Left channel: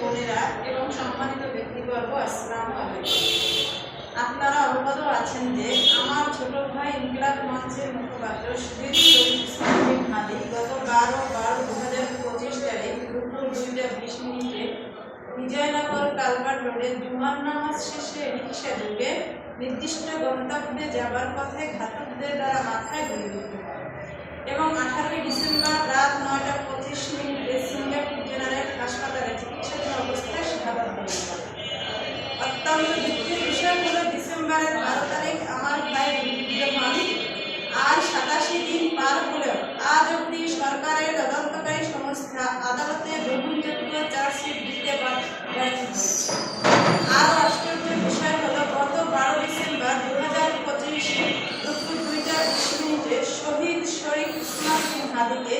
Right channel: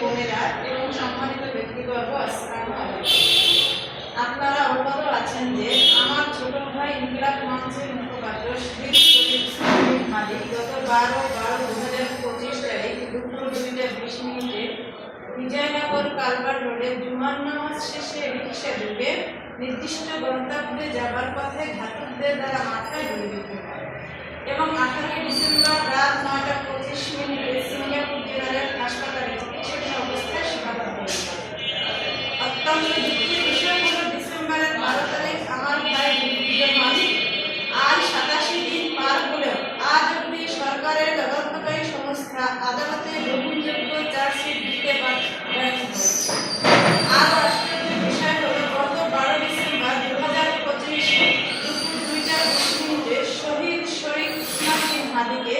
বোনেরা এবং সম্মানিত ব্যক্তিবর্গ, আসসালামু আলাইকুম। আপনারা অবগত আছেন যে আমার ছোট ভাই ইনকিলাব মঞ্চের মুখপাত্র শহীদ শরীফ ইসলাম হাদি গত 12/12/2025 তারিখ দুপুর 2:20 বিজয়নগর কালভার রোডে জুমার নামাজ শেষে রিকশা ডুবে নির্দিষ্ট গন্তব্যে যাবার পথে ঘাতকদের দ্বারা মাথায় গুলি বিদ্ধ হয় এবং 18 ডিসেম্বর রাত 9:25 সিঙ্গাপুর জেনারেল হাসপাতালে চিকিৎসাধীন অবস্থায় শাহাদাত বরণ করে। অত্যন্ত দুঃখের বিষয় হলো ডিসেম্বরের 12 তারিখ আমার ভাই নিহত হন। আর 87 দিন পার হলেও আজ অবধি সরকারের তদন্তকারী সংস্থা আদালতে গ্রহণযোগ্য চার্জশিট দিতে ব্যর্থ হয়েছে। আর আশ্চর্যের বিষয় হলো গত 12 ডিসেম্বর 2025 দুপুর 2:20 শহীদ শরীফ ইসলাম হাদিকে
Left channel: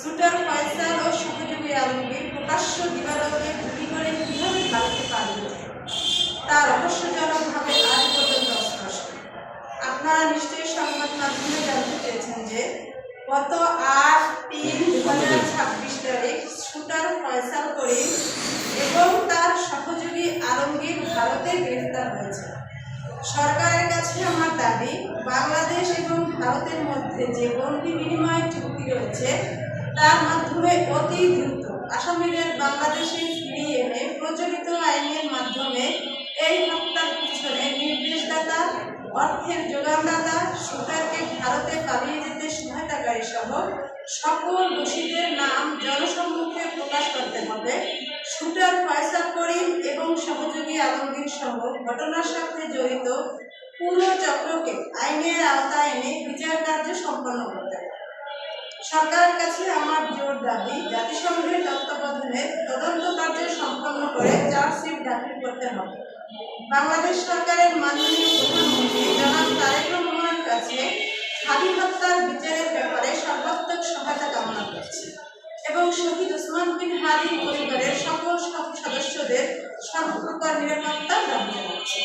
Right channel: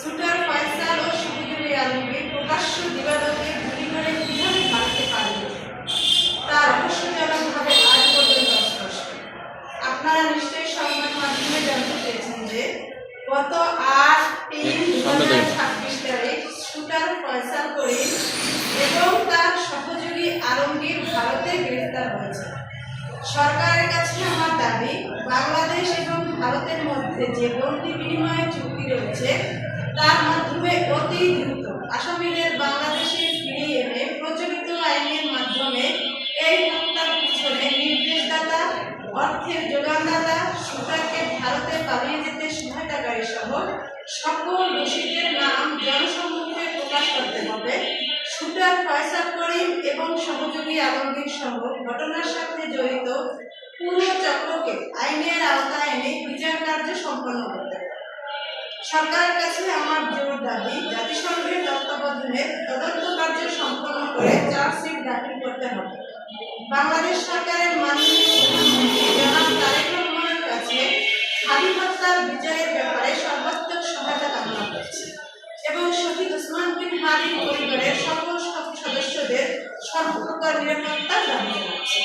শুটার ফয়সাল ও সহযোগী আলমগীর প্রকাশ্য দিবালোকে গুলি করে কিভাবে ভারতে পালিয়েছে তা রহস্যজনকভাবে আজ পর্যন্ত অস্পষ্ট। আপনারা নিশ্চয়ই সংবাদ মাধ্যমে জানতে পেরেছেন যে গত 8/3/2026 তারিখ শুটার ফয়সাল করিম এবং তার সহযোগী আলমগীর ভারতে গ্রেফতার হয়েছে। সরকারের কাছে আমার দাবি, বাংলাদেশ এবং ভারতের মধ্যে যে বন্দি বিনিময় চুক্তি রয়েছে তার মাধ্যমে অতি দ্রুত আসামিদের বাংলাদেশে ফিরিয়ে এনে প্রচলিত আইনের মাধ্যমে এই হত্যার পিছনে নির্দেশদাতা, অর্থের যোগানদাতা, শুটারকে ভারতে পালিয়ে যেতে সহায়তাকারী সহ সকল দোষীদের নাম জনসম্মুখে প্রকাশ করতে হবে। শুটার ফয়সাল করিম এবং সহযোগী আলমগীর সহ ঘটনার সাথে জড়িত পুরো চক্রকে আইনের আওতায় এনে বিচার কার্য সম্পন্ন করতে হবে। সরকারের কাছে আমার জোর দাবি, জাতিসংঘের তত্ত্বাবধানে তদন্ত কার্য সম্পন্ন করে চার্জশিট দাখিল করতে হবে। বাংলাদেশ সরকারের মাননীয় প্রধানমন্ত্রী জনাব তারেক রহমানের কাছে হাদি হত্যার বিচারের ব্যাপারে সর্বাত্মক সহায়তা কামনা করছি এবং শহীদ ওসমান বিন হাদির পরিবারের সকল সদস্যদের সর্বপ্রকার নিরাপত্তা দাবি জানাচ্ছি।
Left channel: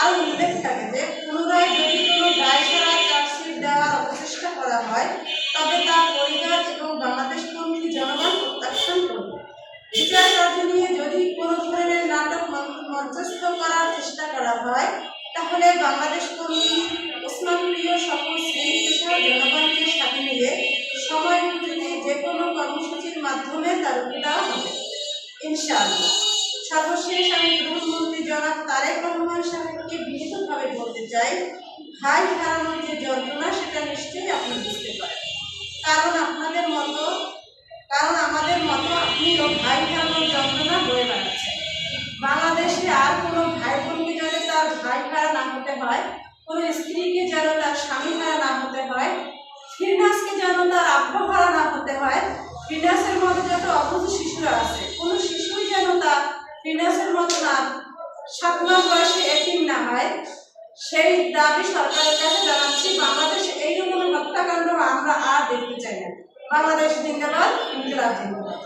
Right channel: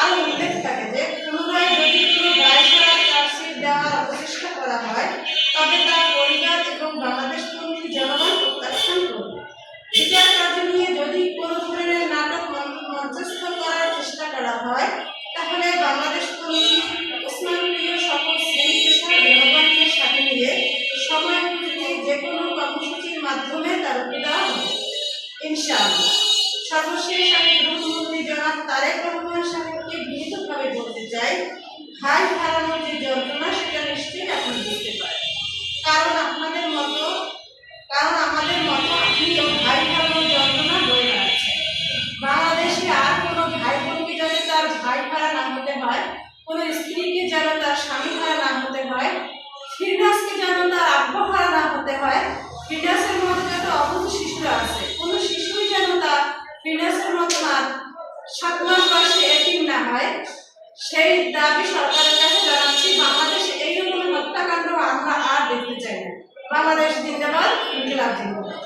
আর উল্লেখ থাকে যে পুনরায় যদি কোনো দায়সারা চার্জশিট দেওয়ার অপচেষ্টা করা হয় তবে তার পরিবার এবং বাংলাদেশপন্থী জনগণ প্রত্যাখ্যান করবে। বিচার কার্য নিয়ে যদি কোনো ধরনের নাটক মঞ্চস্থ করার চেষ্টা করা হয় তাহলে বাংলাদেশপন্থী ওসমানপ্রিয় সকল শ্রেণী পেশার জনগণকে সাথে নিয়ে সময় উপযোগী যে কোনো কর্মসূচির মাধ্যমে তার রুখে দেওয়া হবে ইনশাআল্লাহ। সর্বশেষ আমি প্রধানমন্ত্রী জনাব তারেক রহমান সাহেবকে বিনীতভাবে বলতে চাই, ভাই হারানোর যে যন্ত্রণা সেটা নিশ্চয়ই আপনি বুঝতে পারেন, কারণ আমাদের মতো আপনিও ভাই হারানোর যন্ত্রণা বয়ে বেড়াচ্ছেন। বাংলাদেশে আর কোনো ভাই বোনকে যাতে তার ভাই হারা না হতে হয়, কোনো স্ত্রীকে যেন তার স্বামী হারা না হতে হয়, ফিরনাসকে যেন তার আব্বা হারা না হতে হয়, ফিরনাসের মতো যত অবুধ শিশুরা আছে কোনো শিশুই যেন তার ফিরনাসের মতো না 7 মাস বয়সে এতিম না হয়, সেই দাবি সরকারের কাছে জানাচ্ছি। বাংলাদেশ এই রকমের হত্যাকাণ্ড আমরা আর দেখতে চাই না। বাংলাদেশ জিন্দাবাদ, ইনকিলাব জিন্দাবাদ।